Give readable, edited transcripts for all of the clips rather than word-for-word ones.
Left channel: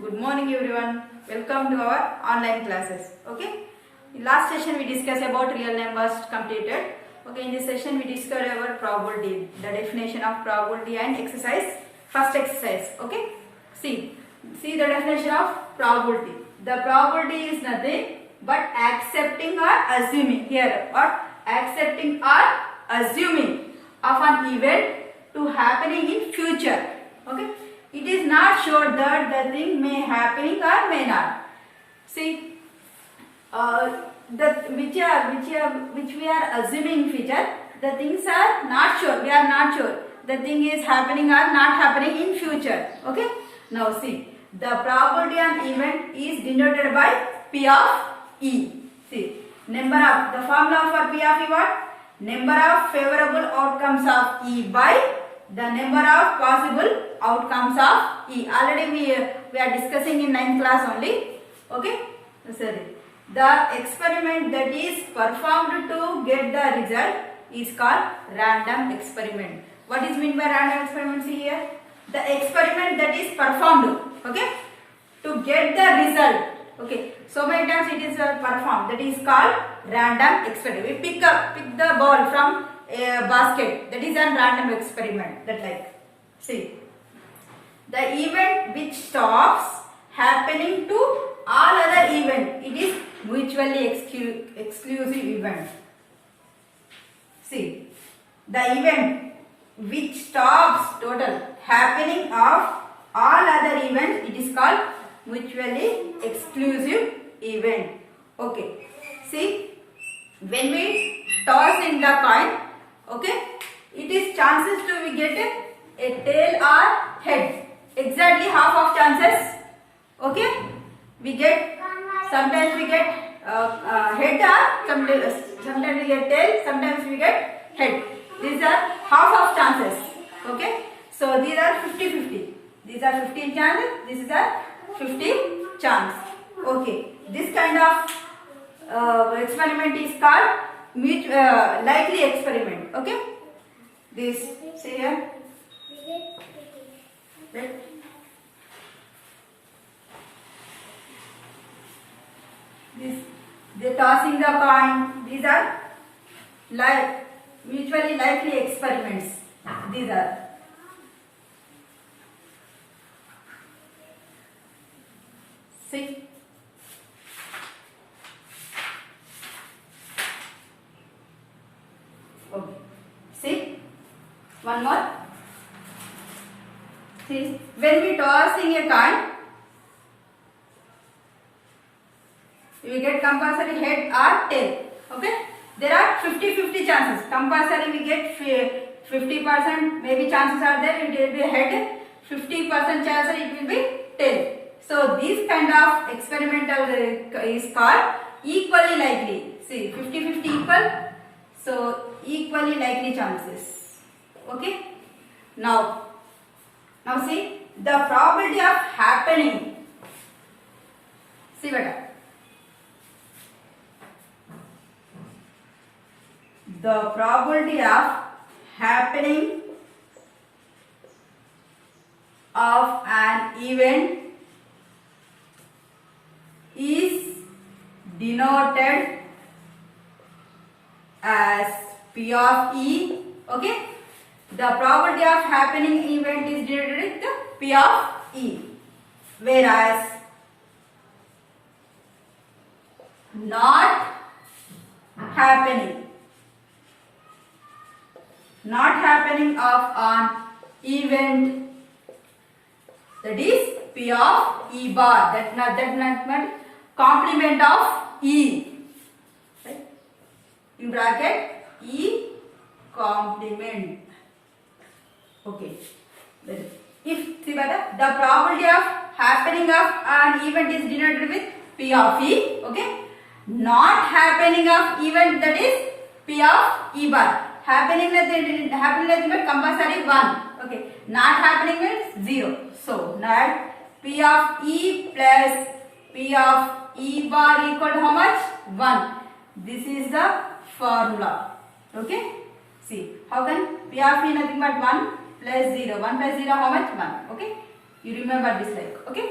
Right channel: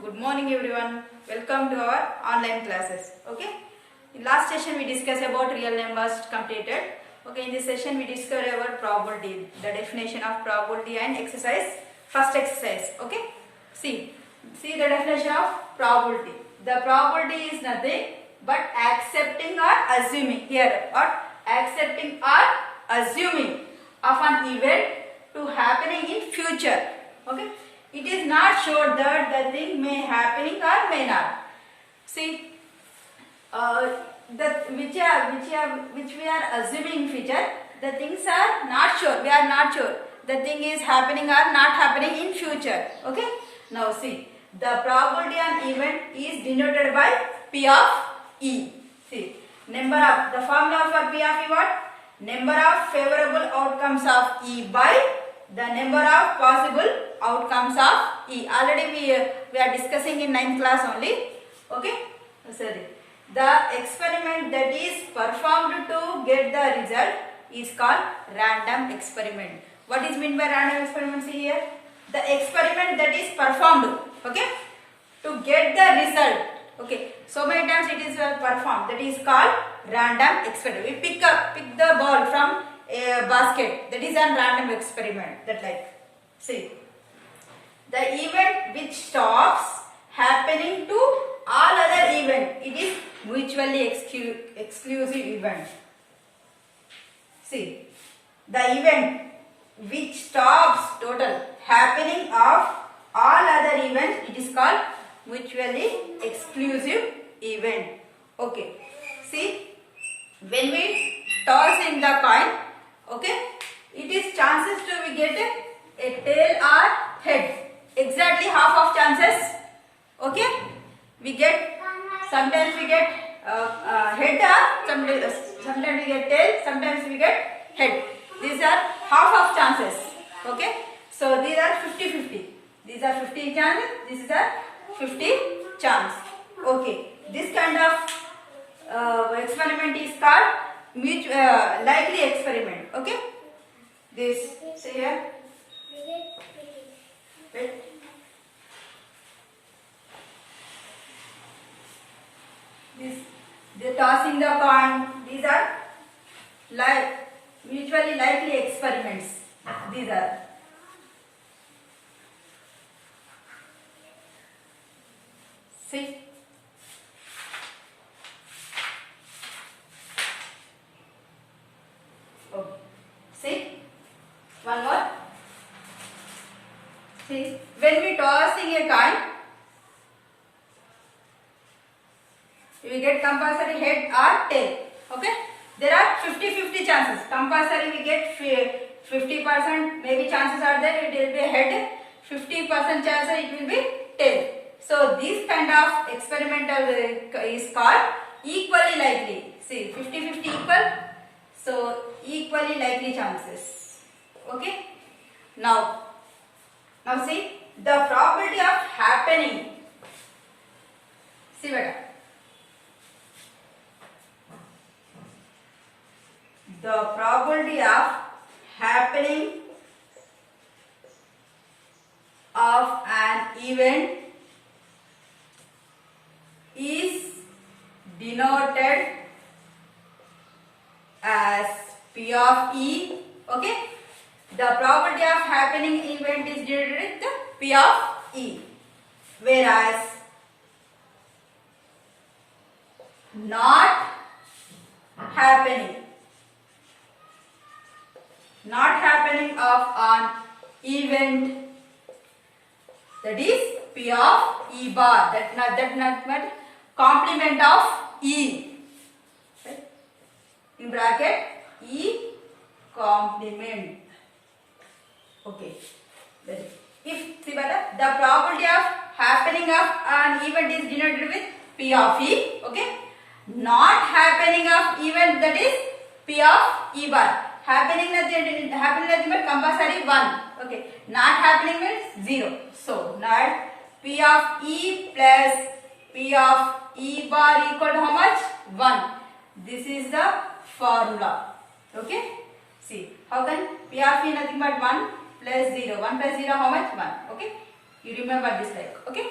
Good morning everyone. Welcome to our online classes. Okay. In last session we discussed about real numbers completed. Okay. In this session we discovered about probability, the definition of probability and exercise. First exercise. Okay. See the definition of probability. The probability is nothing but accepting or assuming here or accepting or assuming of an event to happening in future. Okay. It is not sure that the thing may happening or may not. See, that which we are assuming future, the things are not sure. We are not sure the thing is happening or not happening in future. Okay. Now see, the probability an event is denoted by P of E. See, number of the formula for P of E what? Number of favorable outcomes of E by the number of possible outcomes of E. Already we are discussing in 9th class only. Okay. Sorry. The experiment that is performed to get the result is called random experiment. What is meant by random experiment? See here. The experiment that is performed. Okay. To get the result. Okay. So many times it is performed. That is called random experiment. We pick the ball from a basket. That is a random experiment. That like. See. The event which stops happening to all other event, it is mutually exclusive event. See, the event which stops total happening of all other events, it is called mutually exclusive event. Okay. See, when we toss in the coin, okay, it is chances to we get a tail or head. Exactly half of chances. Okay, we get sometimes we get head or sometimes we get tail, sometimes we get head. These are half of chances. Okay, so these are 50-50. These are 50 chances. This is a 50 chance. Okay, this kind of experiment is called likely experiment. Okay, this see here. Wait. They tossing the coin. These are mutually likely experiments. These are. See. Okay. See. One more. See. When we tossing a coin, we get compulsory head or tail. Okay. There are 50-50 chances. Compulsory we get 50%. Maybe chances are there. It will be head. 50% chances it will be tail. So this kind of experimental is called equally likely. See, 50-50 equal. So equally likely chances. Okay. Now see the probability of happening. See beta. The probability of happening of an event is denoted as P of E. Okay. The probability of happening event is denoted with P of E. Whereas not happening of an event, that is P of E bar. That not complement of E. Right? In bracket E complement. Okay. Then if see better, the probability of happening of an event is denoted with P of E. Okay. Not happening of event, that is P of E bar. Happening means compulsory 1. Okay. Not happening means 0. So not P of E plus P of E bar equal to how much? 1. This is the formula. Okay. See how can P of E nothing but 1 plus 0. 1 plus 0 how much? 1. Okay. You remember this like. Okay.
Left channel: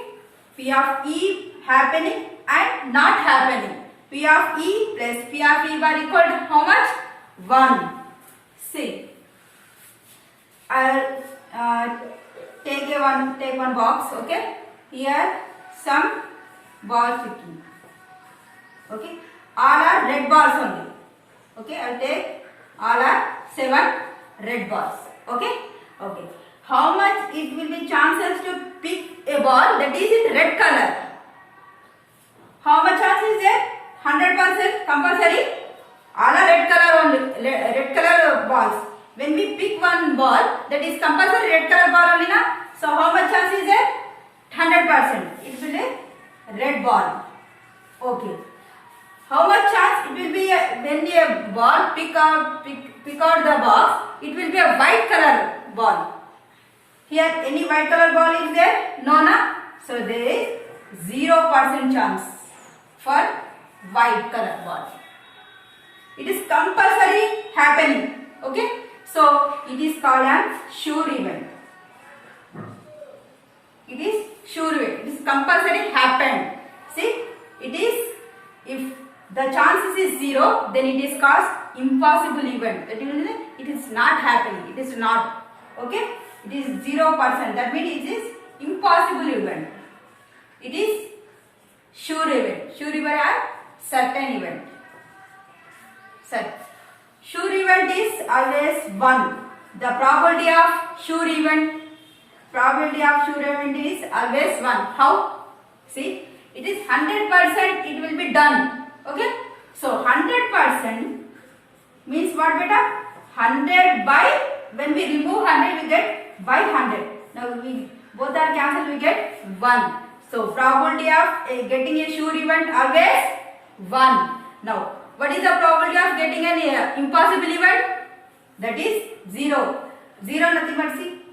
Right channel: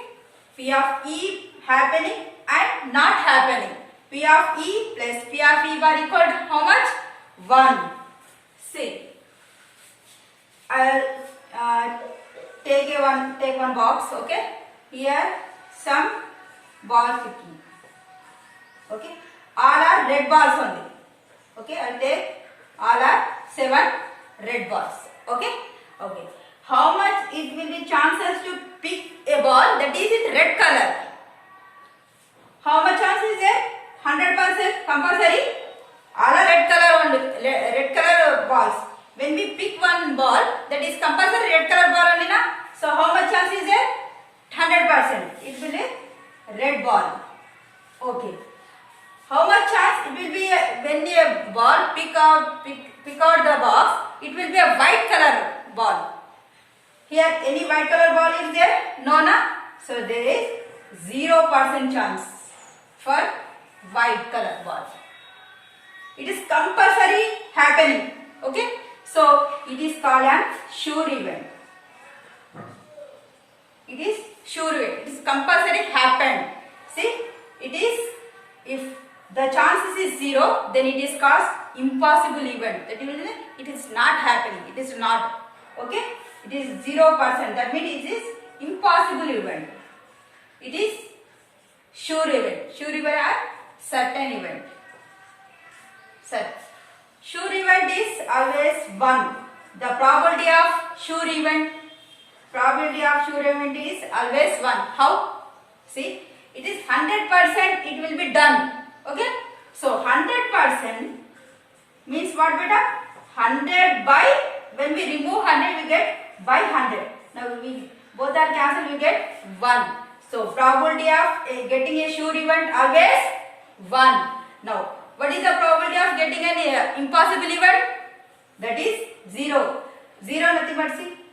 P of E happening and not happening. P of E plus P of E bar equal to how much? 1. See, I'll take one box. Okay, here some balls picking. Okay, all are red balls only. Okay, I'll take all are 7 red balls. Okay, okay. How much it will be chances to pick a ball that is in red color? How much chance is there? 100% compulsory. All are red color only. Red color balls. When we pick one ball, that is compulsory red color ball only, na? So how much chance is there? 100%. It will be a red ball. Okay. How much chance it will be when a ball pick out the box? It will be a white color ball. Here any white color ball is there? No, na? So there is 0% chance for white color ball. It is compulsory happening. Okay. So it is called an sure event. It is sure event. It is compulsory happened. See, it is, if the chances is 0, then it is called impossible event. That means it is not happening. It is not. Okay. It is 0%. That means it is impossible event. It is sure event. Sure event are certain event. Sure event is always 1. The probability of sure event is always 1. How? See, it is 100% it will be done. Okay. So 100% means what, beta? 100 by, when we remove 100 we get by 100. Now we both are cancelled, we get 1. So probability of getting a sure event always 1. Now what is the probability of getting an impossible event? That is 0. 0 nothing but see.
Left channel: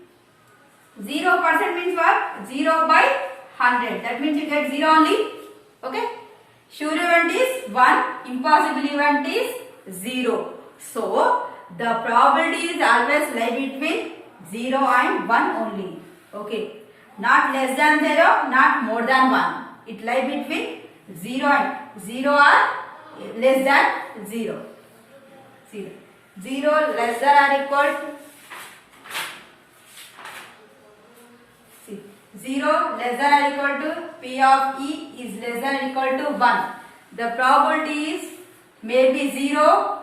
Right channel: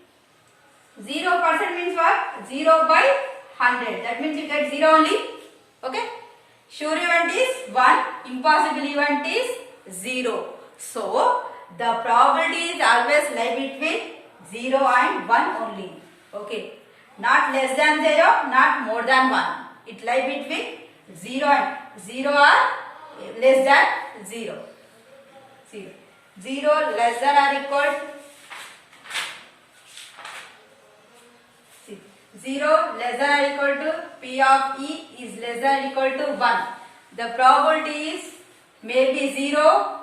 0% means what? 0 by 100. That means you get 0 only. Okay. Sure event is 1. Impossible event is 0. So the probability is always lie between 0 and 1 only. Okay. Not less than 0, not more than 1. It lie between 0 and 0 or less than 0. 0 less than or equal to 0 less than or equal to P of E is less than or equal to 1. The probability is maybe 0,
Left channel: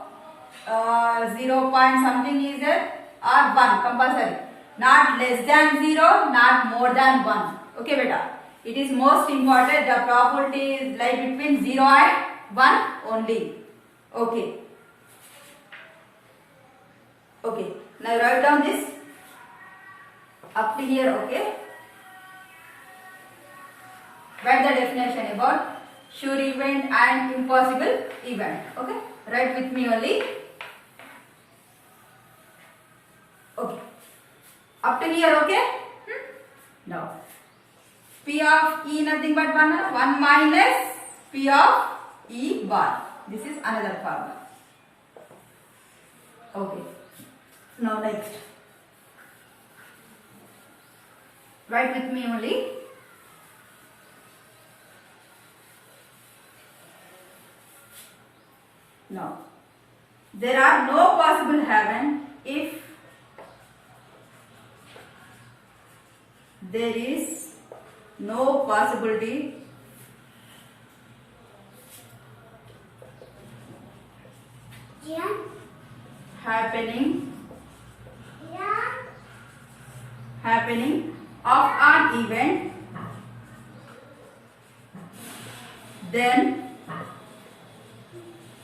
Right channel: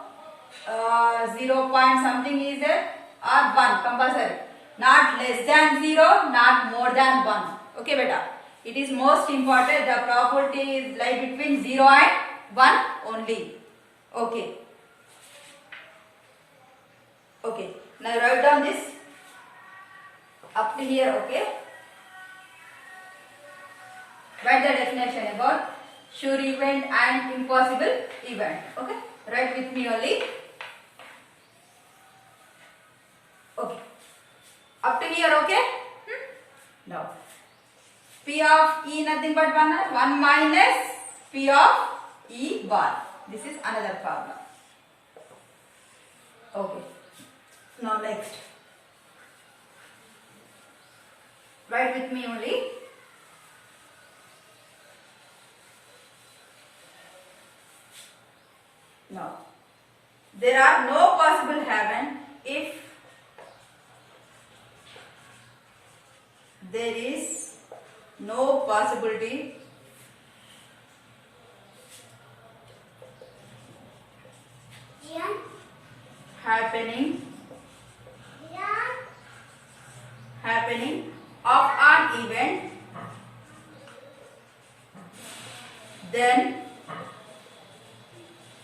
0 point something is there, or 1 compulsory. Not less than 0, not more than 1. Okay, beta. It is most important. The probability is lie between 0 and 1 only. Okay. Okay. Now write down this up to here. Okay. Write the definition about sure event and impossible event. Okay. Write with me only. Okay. Up to here. Okay. Now P of E nothing but 1 minus P of E bar. This is another formula. Okay. Now next. Write with me only. Now, there are no possible happen if there is no possibility happening of an event, then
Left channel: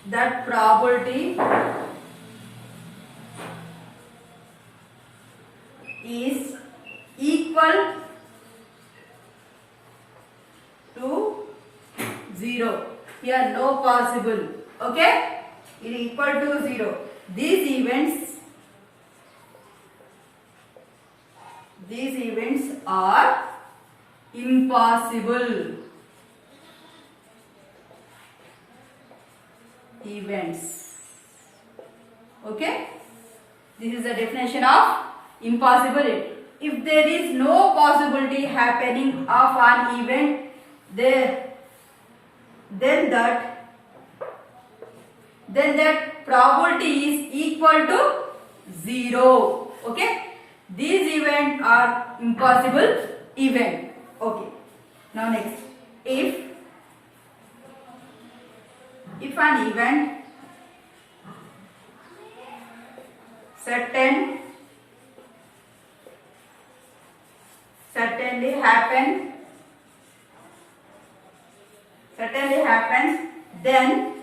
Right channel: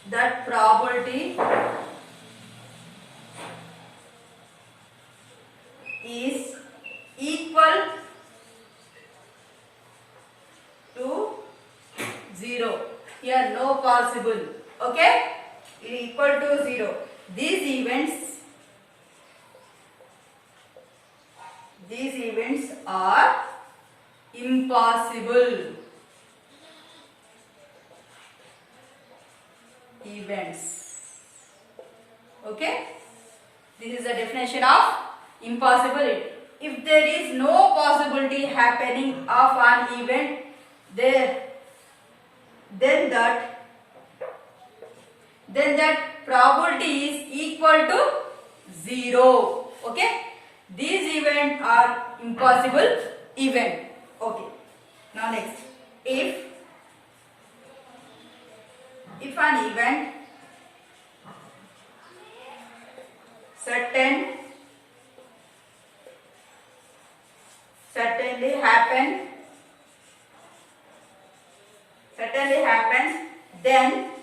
that probability is equal to 0. Here no possible. Okay? It is equal to 0. These events are impossible events. Okay? This is the definition of impossible if there is no possibility happening of an event there, then that probability is equal to 0. Okay, these events are impossible event. Okay, now next, if an event certainly happens, then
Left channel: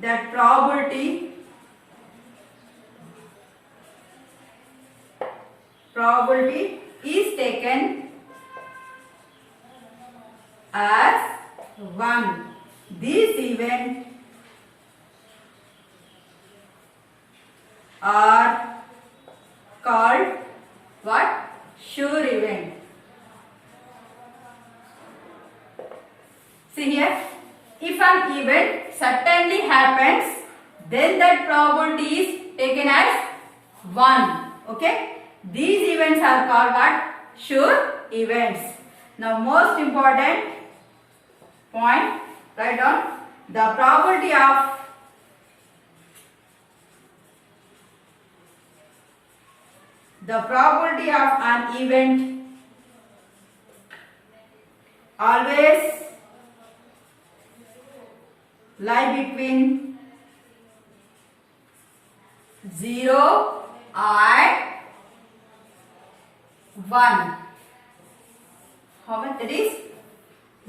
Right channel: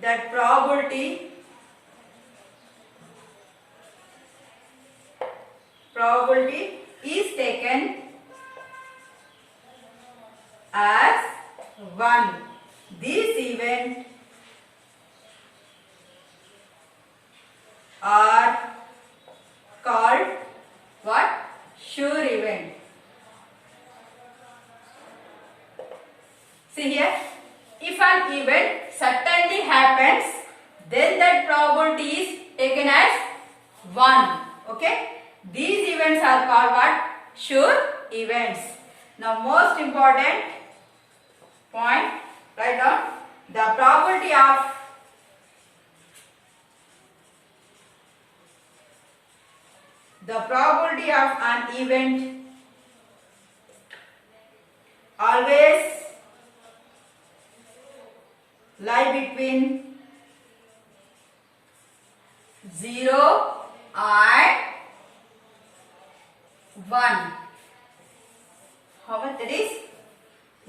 that probability is taken as 1. These events are called what? Sure event. See here, if an event certainly happens, then that probability is taken as 1. Okay, these events are called what? Sure events. Now most important point, write down the probability of an event always lie between 0 and 1. How much that is?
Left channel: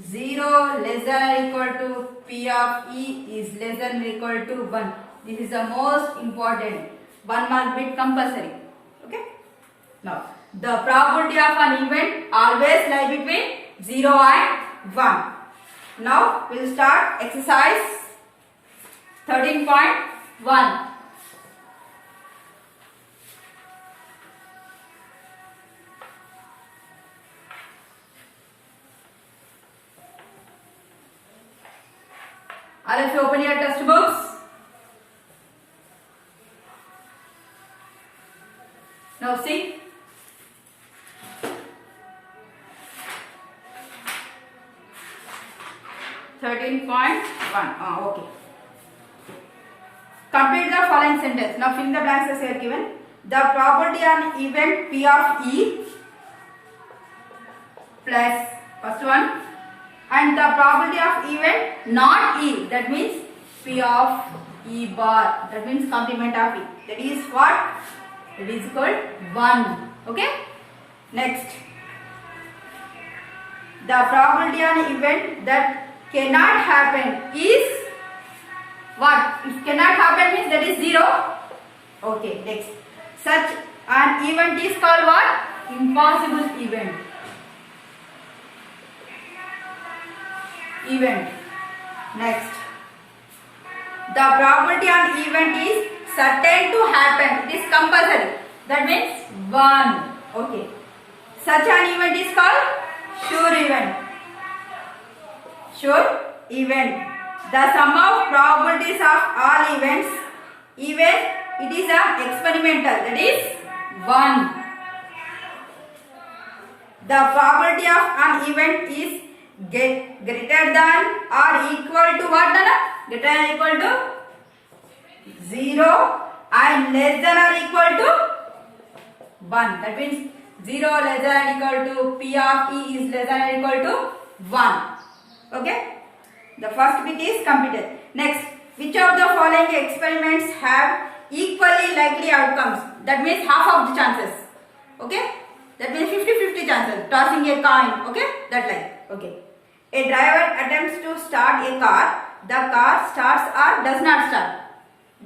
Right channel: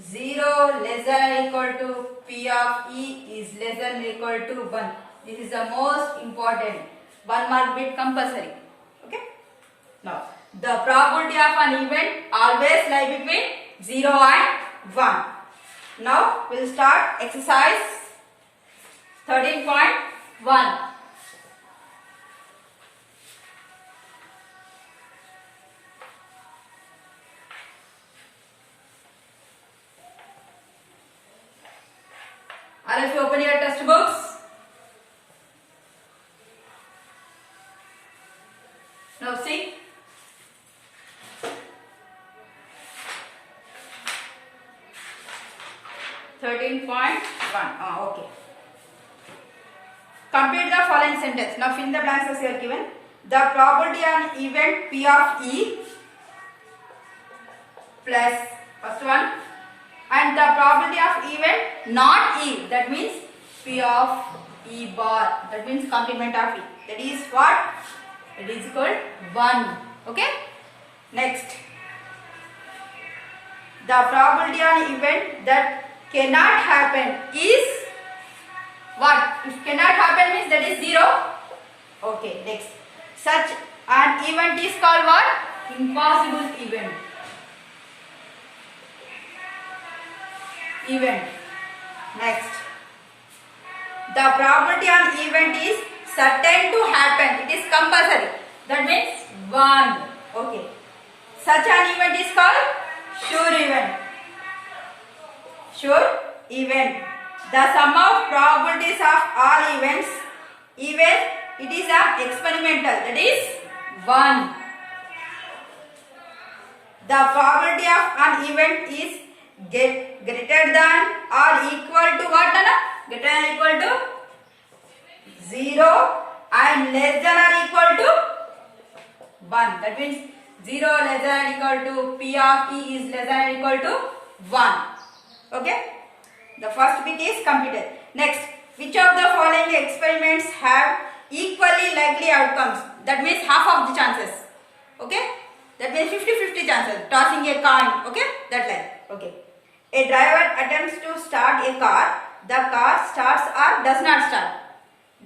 0 less than or equal to P of E is less than or equal to 1. This is the most important. 1 mark bit compulsory. Okay. Now, the probability of an event always lie between 0 and 1. Now, we will start exercise 13.1. All of you open your test books. Now see. Okay. Complete the following sentence. Now fill the blanks as here given. The probability on event P of E plus first one, and the probability of event not E, that means P of E bar, that means complement of E, that is what? It is equal to 1. Okay. Next, the probability on event that cannot happen is what? If cannot happen means that is 0. Okay. Next, such an event is called what? Impossible event. Next, the probability on event is certain to happen. It is compulsory. That means 1. Okay. Such an event is called sure event. Sure event. The sum of probabilities of all events, even it is an experimental, that is 1. The probability of an event is greater than or equal to what? Greater than or equal to 0 and less than or equal to 1. That means 0 less than or equal to P of E is less than or equal to 1. Okay. The first bit is completed. Next, which of the following experiments have equally likely outcomes? That means half of the chances. Okay. That means 50-50 chances. Tossing a coin. Okay. That like. Okay. A driver attempts to start a car. The car starts or does not start.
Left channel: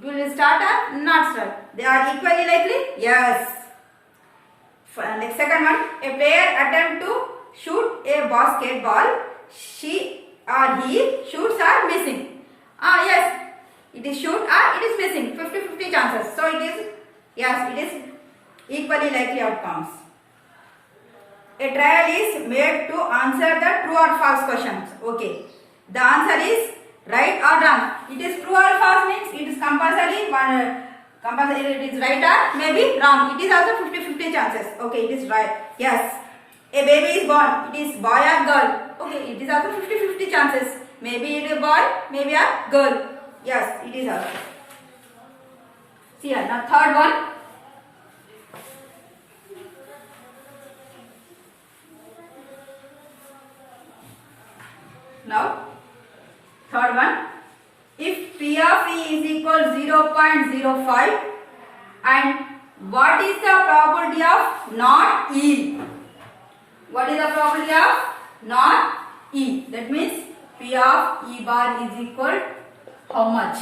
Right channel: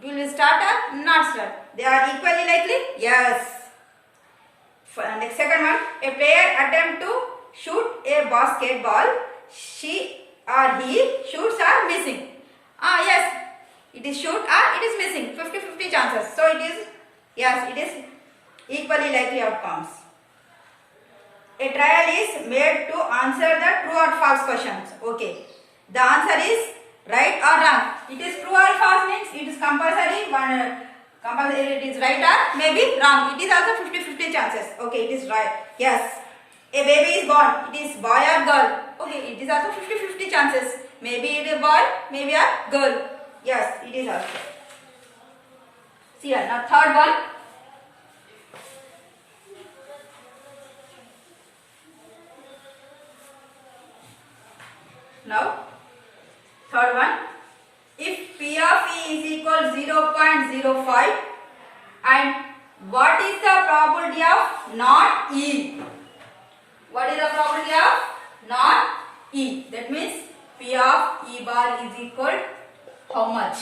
Will it start or not start? They are equally likely? Yes. Next, second one. A player attempts to shoot a basketball. She or he shoots or missing. Yes. It is shoot or it is missing. 50-50 chances. So it is, yes, it is equally likely outcomes. A trial is made to answer the true or false questions. Okay. The answer is right or wrong. It is true or false means it is compulsory. Compulsory, it is right or maybe wrong. It is also 50-50 chances. Okay, it is right. Yes. A baby is born. It is boy or girl. Okay, it is also 50-50 chances. Maybe it is a boy, maybe a girl. Yes, it is also. See here. Now third one. Now third one. If P of E is equal 0.05 and what is the probability of not E? What is the probability of not E? That means P of E bar is equal how much?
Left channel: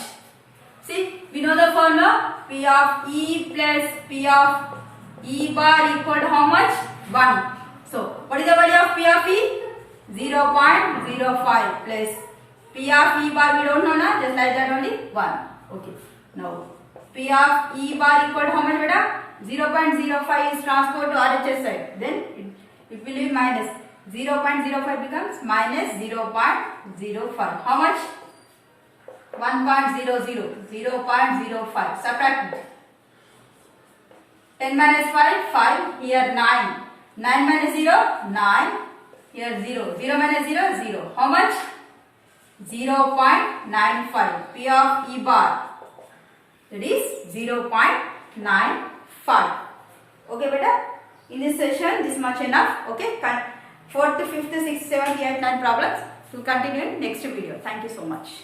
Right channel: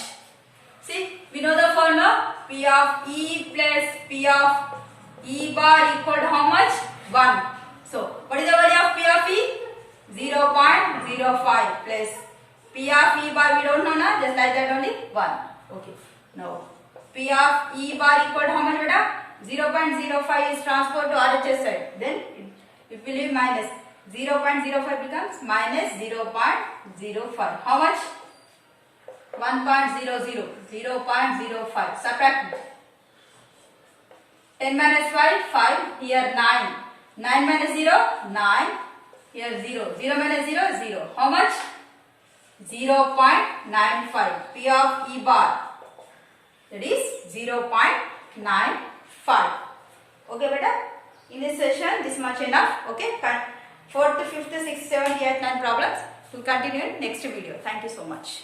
See, we know the formula. P of E plus P of E bar equal to how much? 1. So, what is the value of P of E? 0.05 plus P of E bar we don't know now, just like that only 1. Okay. Now, P of E bar equal to how much beta? 0.05 is transferred to RHS side. Then it will be minus. 0.05 becomes minus 0.05. How much? 1.00. 0.05. Subtract it. 10 minus 5, 5. Here 9. 9 minus 0, 9. Here 0. 0 minus 0, 0. How much? 0.95. P of E bar. That is 0.95. Okay, beta? In this session, this much enough. Okay? 4th, 5th, 6th, 7th, 8th, 9th problems. We'll continue in next video. Thank you so much.